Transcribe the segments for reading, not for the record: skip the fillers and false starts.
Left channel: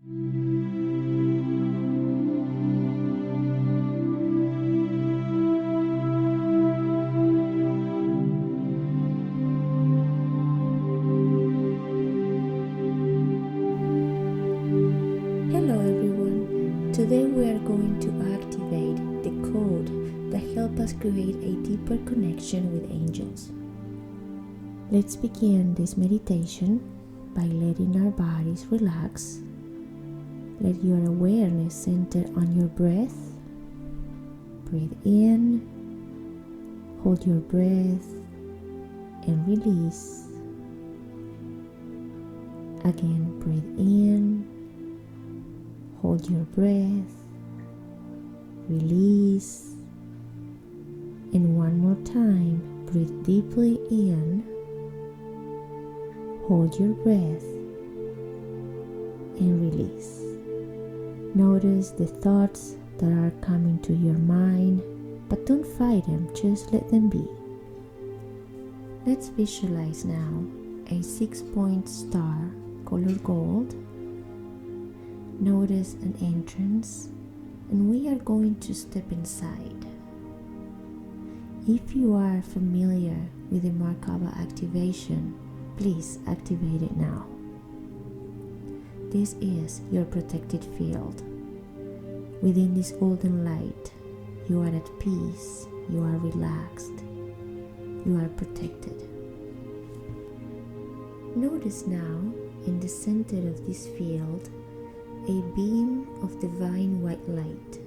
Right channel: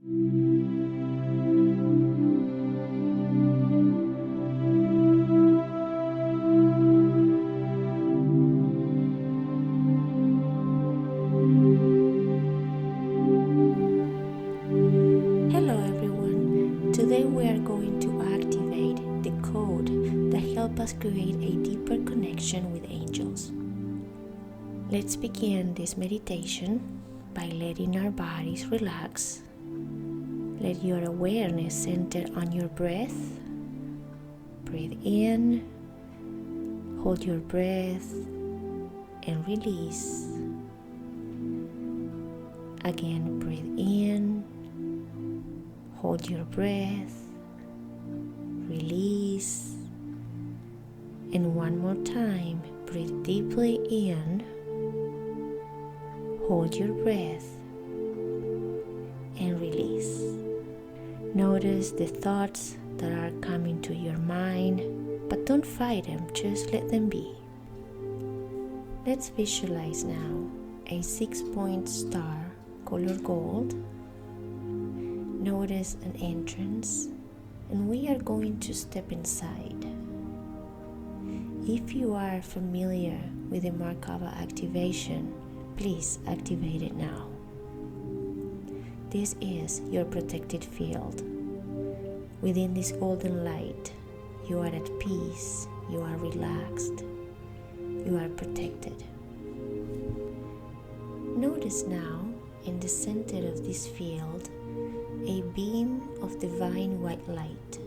Hello everyone, today we are going to activate the code that helps us create a deeper connection with angels. Let's begin this meditation by letting our bodies relax. Let your awareness center on your breath. Breathe in, hold your breath, and release. Again, breathe in, hold your breath, release, and one more time, breathe deeply in, hold your breath, and release. Notice the thoughts that are coming to your mind, but don't fight them, just let them be. Let's visualize now a 6-point star, color gold. Notice an entrance, and we are going to step inside. If you are familiar with the Merkaba activation, please activate it now. This is your protected field. Within this golden light, you are at peace, you are relaxed, you are protected. Notice now, in the center of this field, a beam of divine white light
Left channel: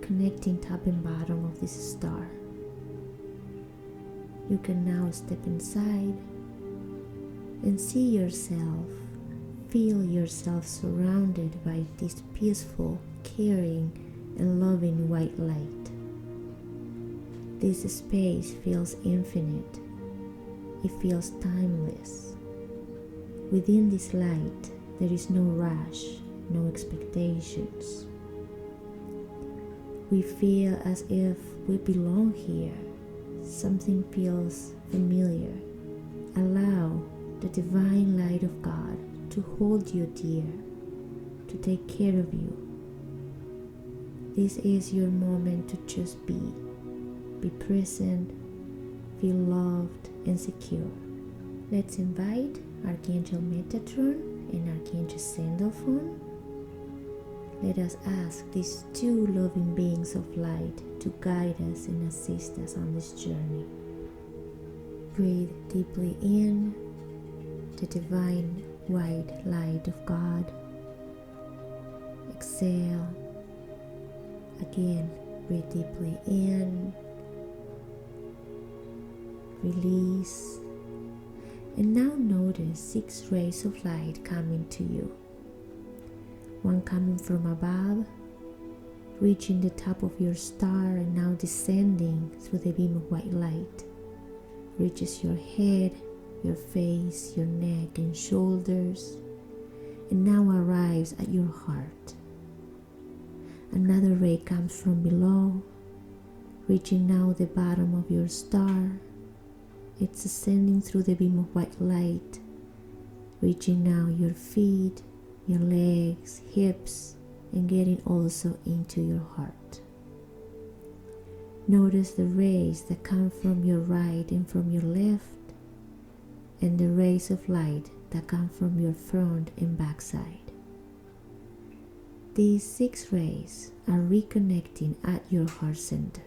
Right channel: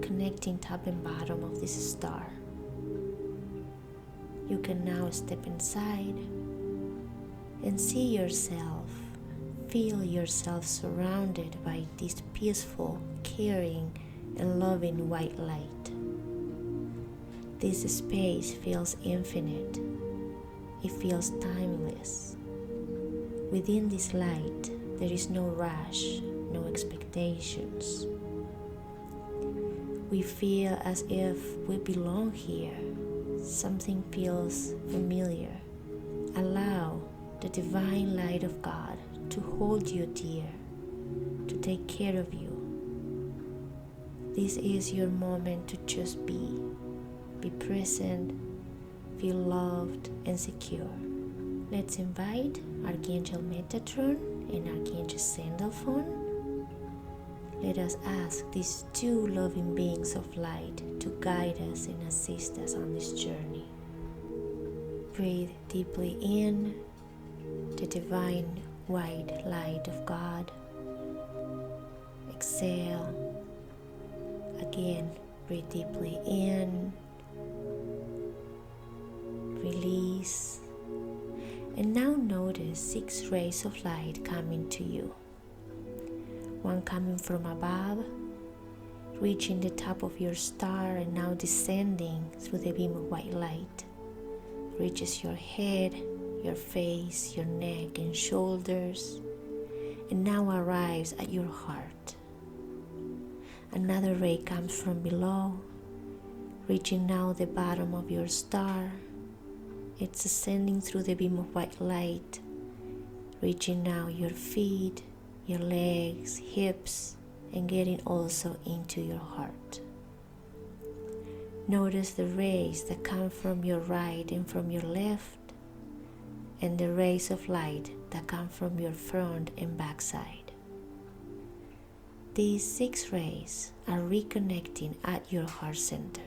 connecting top and bottom of this star. You can now step inside and see yourself, feel yourself surrounded by this peaceful, caring, and loving white light. This space feels infinite. It feels timeless. Within this light, there is no rush, no expectations. We feel as if we belong here. Something feels familiar. Allow the divine light of God to hold you dear, to take care of you. This is your moment to just be present, feel loved and secure. Let's invite Archangel Metatron and Archangel Sandalphon. Let us ask these two loving beings of light to guide us and assist us on this journey. Breathe deeply in the divine white light of God. Exhale. Again, breathe deeply in. Release. And now notice 6 rays of light coming to you. One coming from above, reaching the top of your star and now descending through the beam of white light. Reaches your head, your face, your neck and shoulders, and now arrives at your heart. Another ray comes from below, reaching now the bottom of your star. It's ascending through the beam of white light, reaching now your feet, your legs, hips, and getting also into your heart. Notice the rays that come from your right and from your left, and the rays of light that come from your front and back side. These 6 rays are reconnecting at your heart center.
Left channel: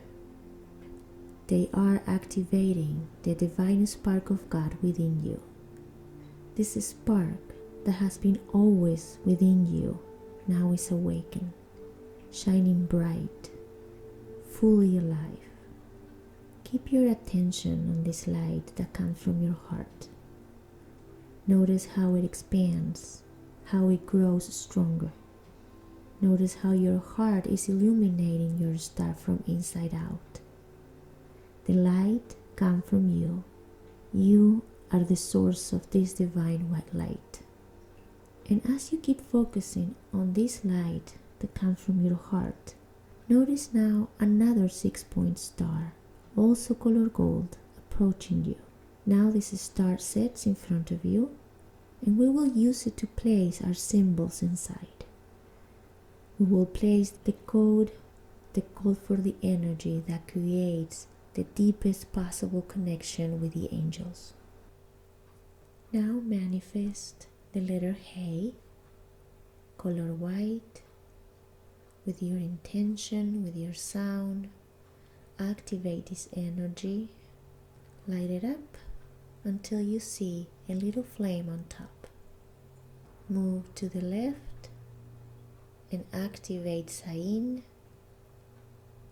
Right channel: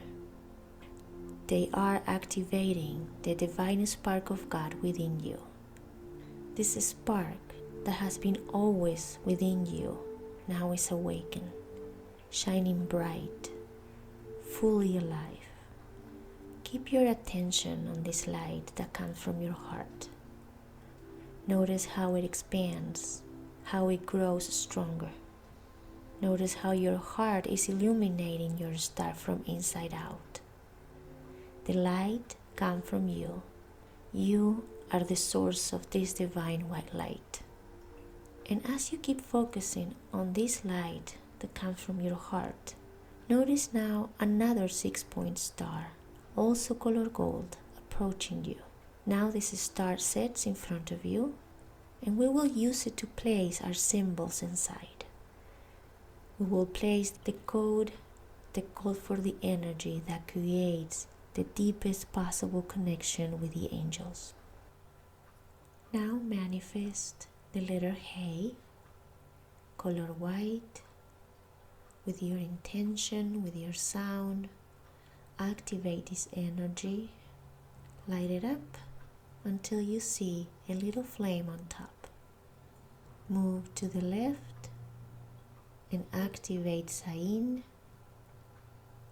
They are activating the divine spark of God within you. This spark that has been always within you now is awakened, shining bright, fully alive. Keep your attention on this light that comes from your heart. Notice how it expands, how it grows stronger. Notice how your heart is illuminating your star from inside out. The light comes from you. You are the source of this divine white light. And as you keep focusing on this light that comes from your heart, notice now another 6-point star, also color gold, approaching you. Now this star sets in front of you, and we will use it to place our symbols inside. We will place the code for the energy that creates the deepest possible connection with the angels. Now manifest the letter Hey, color white, with your intention, with your sound. Activate this energy, light it up until you see a little flame on top. Move to the left and activate Sain,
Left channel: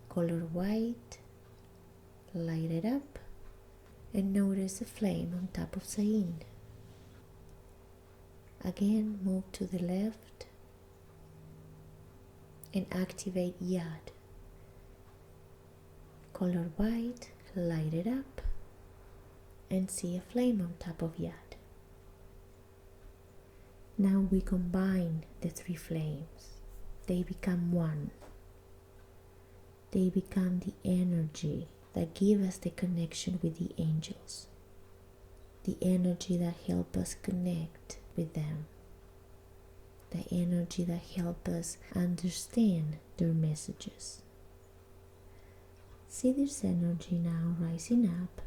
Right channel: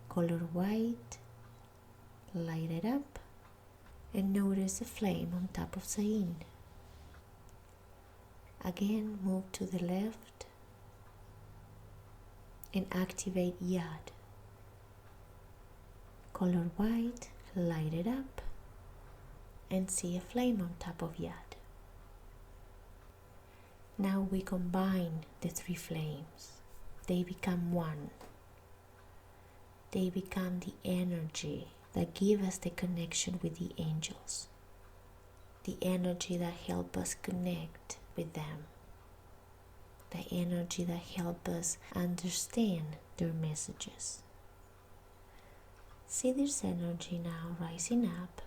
color white, light it up and notice a flame on top of Sain. Again, move to the left and activate Yad, color white, light it up and see a flame on top of Yad. Now we combine the three flames. They become one. They become the energy that give us the connection with the angels. The energy that help us connect with them. The energy that help us understand their messages. See this energy now rising up,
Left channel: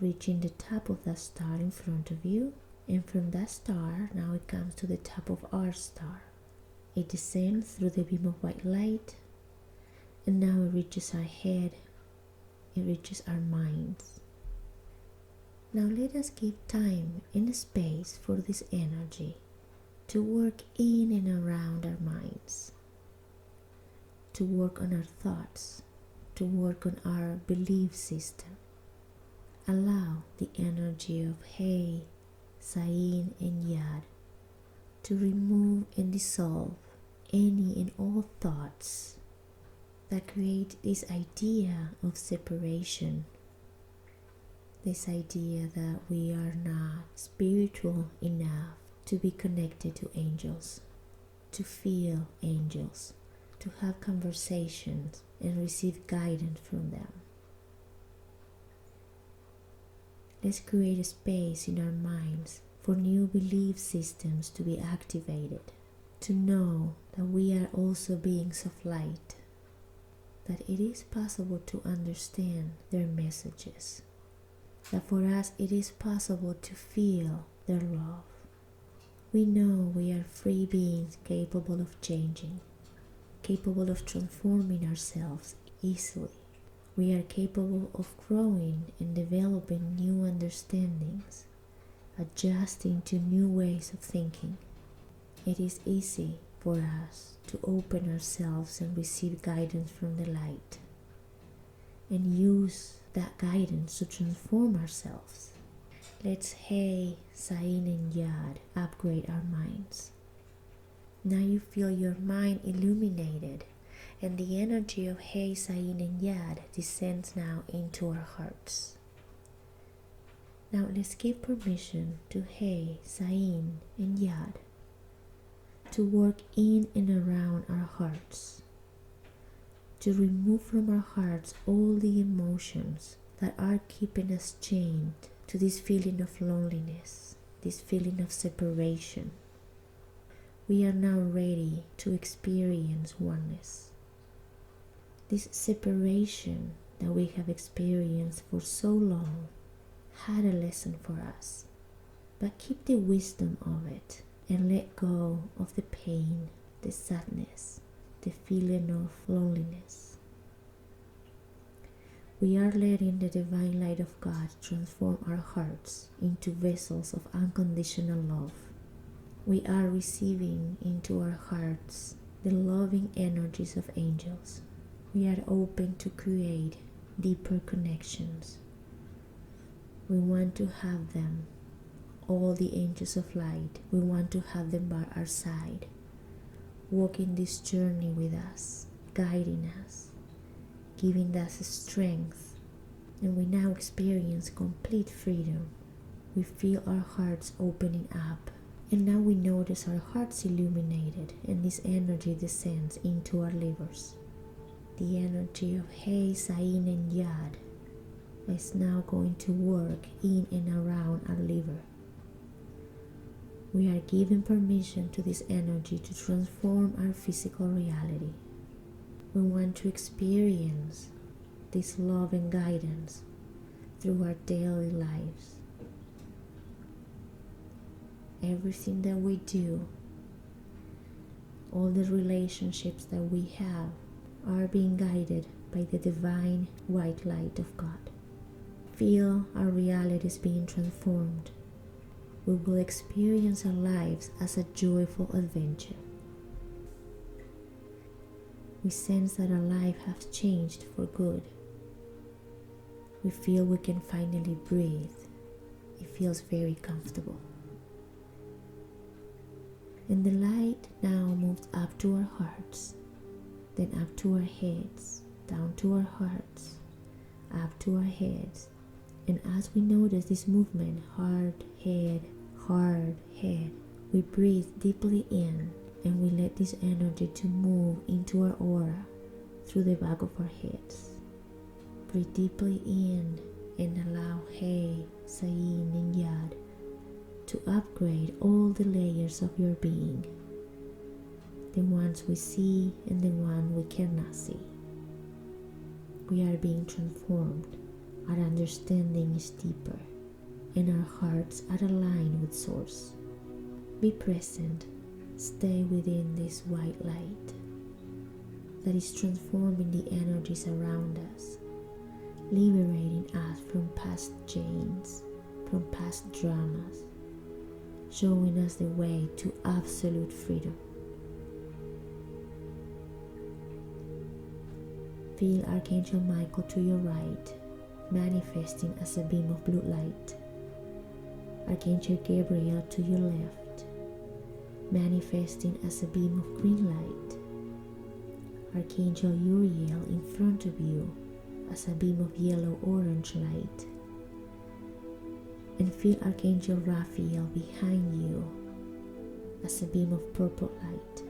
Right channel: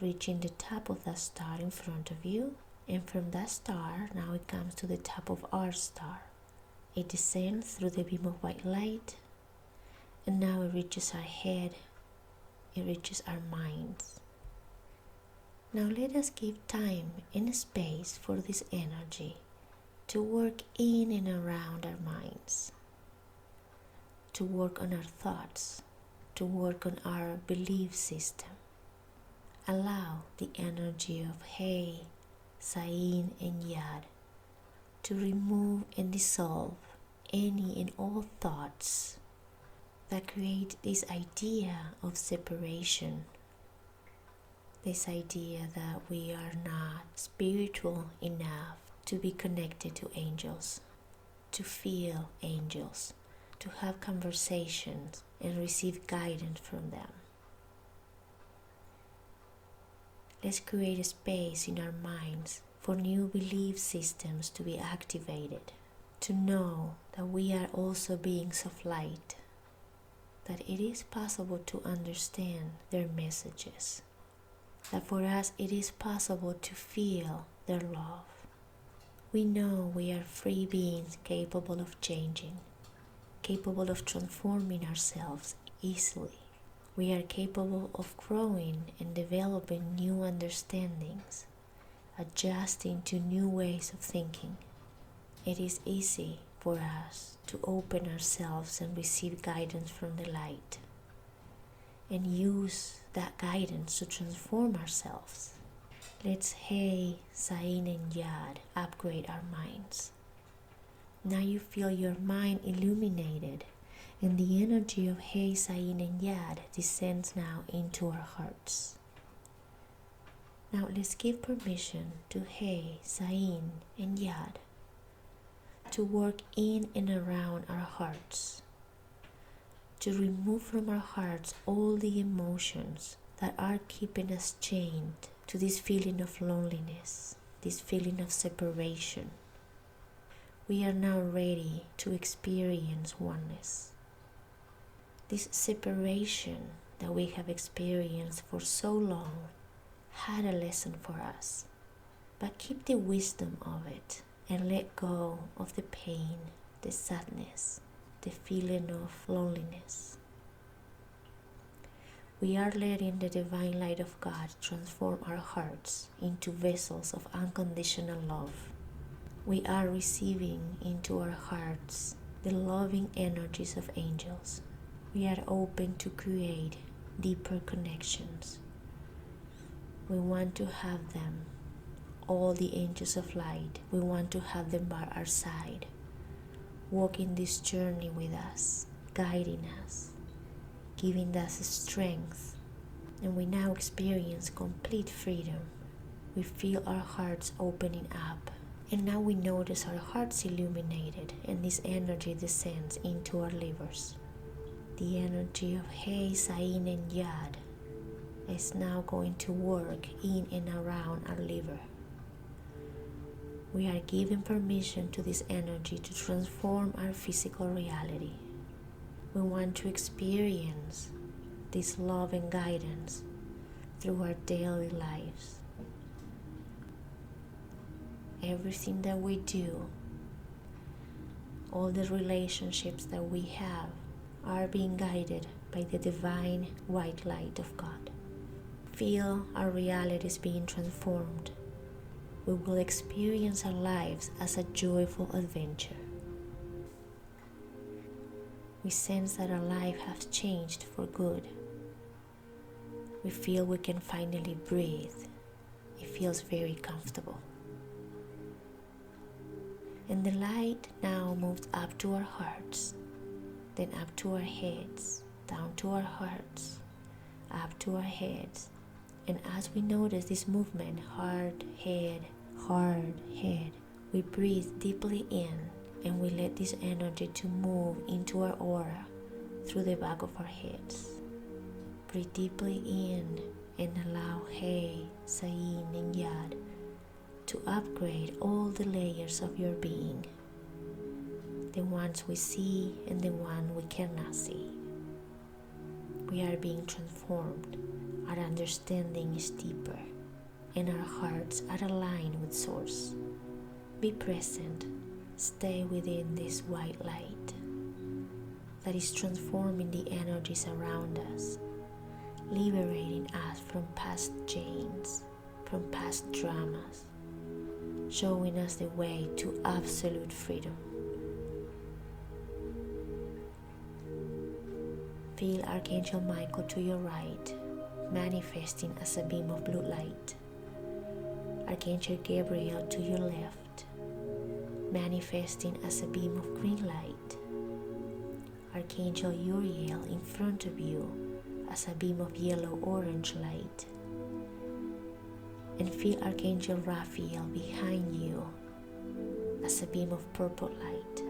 reaching the top of that star in front of you, and from that star now it comes to the top of our star. It descends through the beam of white light, and now it reaches our head, it reaches our minds. Now let us give time and space for this energy to work in and around our minds, to work on our thoughts, to work on our belief system. Allow the energy of Hey, Sain and Yad to remove and dissolve any and all thoughts that create this idea of separation, this idea that we are not spiritual enough to be connected to angels, to feel angels, to have conversations and receive guidance from them. Let's create a space in our minds for new belief systems to be activated, to know that we are also beings of light, that it is possible to understand their messages, that for us it is possible to feel their love. We know we are free beings capable of changing, capable of transforming ourselves easily. We are capable of growing and developing new understandings, adjusting to new ways of thinking. It is easy for us to open ourselves and receive guidance from the light and use that guidance to transform ourselves. Let's Hey, Sain and Yad upgrade our minds. Now you feel your mind illuminated, and the energy of Hey, Sain and Yad descends now into our hearts. Now let's give permission to Hey, Sain and Yad to work in and around our hearts, to remove from our hearts all the emotions that are keeping us chained to this feeling of loneliness, this feeling of separation. We are now ready to experience oneness. This separation that we have experienced for so long had a lesson for us, but keep the wisdom of it and let go of the pain, the sadness, the feeling of loneliness. We are letting the divine light of God transform our hearts into vessels of unconditional love. We are receiving into our hearts the loving energies of angels. We are open to create deeper connections. We want to have them, all the angels of light. We want to have them by our side, walking this journey with us, guiding us, giving us strength. And we now experience complete freedom. We feel our hearts opening up, and now we notice our hearts illuminated, and this energy descends into our livers. The energy of Hey, Sain and Yad is now going to work in and around our liver. We are giving permission to this energy to transform our physical reality. We want to experience this love and guidance through our daily lives. Everything that we do, all the relationships that we have are being guided by the divine white light of God. Feel our realities being transformed. We will experience our lives as a joyful adventure. We sense that our life has changed for good. We feel we can finally breathe. It feels very comfortable. And the light now moves up to our hearts, then up to our heads, down to our hearts, up to our heads. And as we notice this movement, hard head, we breathe deeply in and we let this energy to move into our aura through the back of our heads. Breathe deeply in and allow He, Sayin, and Yad to upgrade all the layers of your being, the ones we see and the ones we cannot see. We are being transformed. Our understanding is deeper and our hearts are aligned with Source. Be present. Stay within this white light that is transforming the energies around us, liberating us from past chains, from past dramas, showing us the way to absolute freedom. Feel Archangel Michael to your right, manifesting as a beam of blue light. Archangel Gabriel to your left, manifesting as a beam of green light. Archangel Uriel in front of you as a beam of yellow-orange light. And feel Archangel Raphael behind you as a beam of purple light.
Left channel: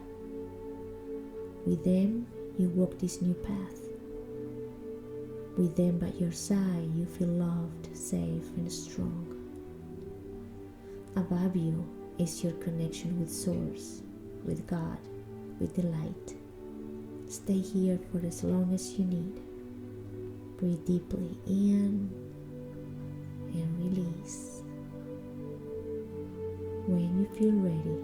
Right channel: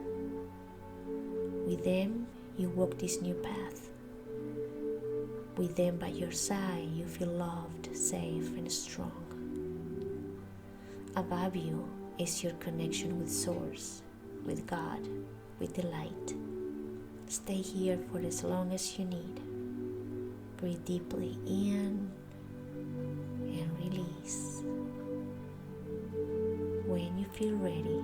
With them, you walk this new path. With them by your side, you feel loved, safe, and strong. Above you is your connection with Source, with God, with the light. Stay here for as long as you need. Breathe deeply in and release. When you feel ready,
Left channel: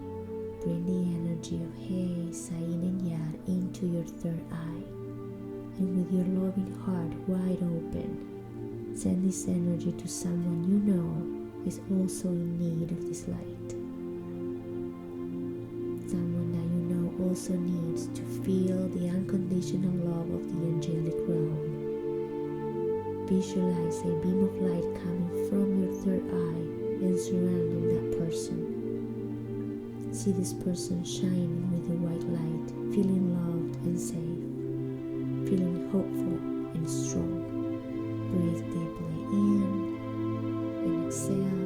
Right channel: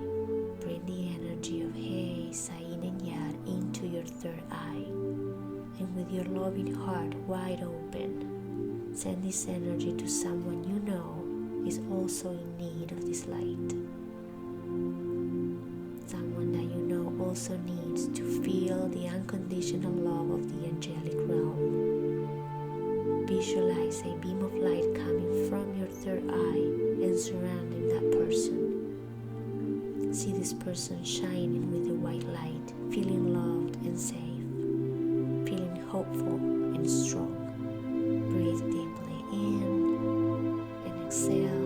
bring the energy of He, Sayin, and Yad into your third eye. And with your loving heart wide open, send this energy to someone you know is also in need of this light. Someone that you know also needs to feel the unconditional love of the angelic realm. Visualize a beam of light coming from your third eye and surrounding that person. See this person shining with the white light, feeling loved and safe, feeling hopeful and strong. Breathe deeply in and exhale.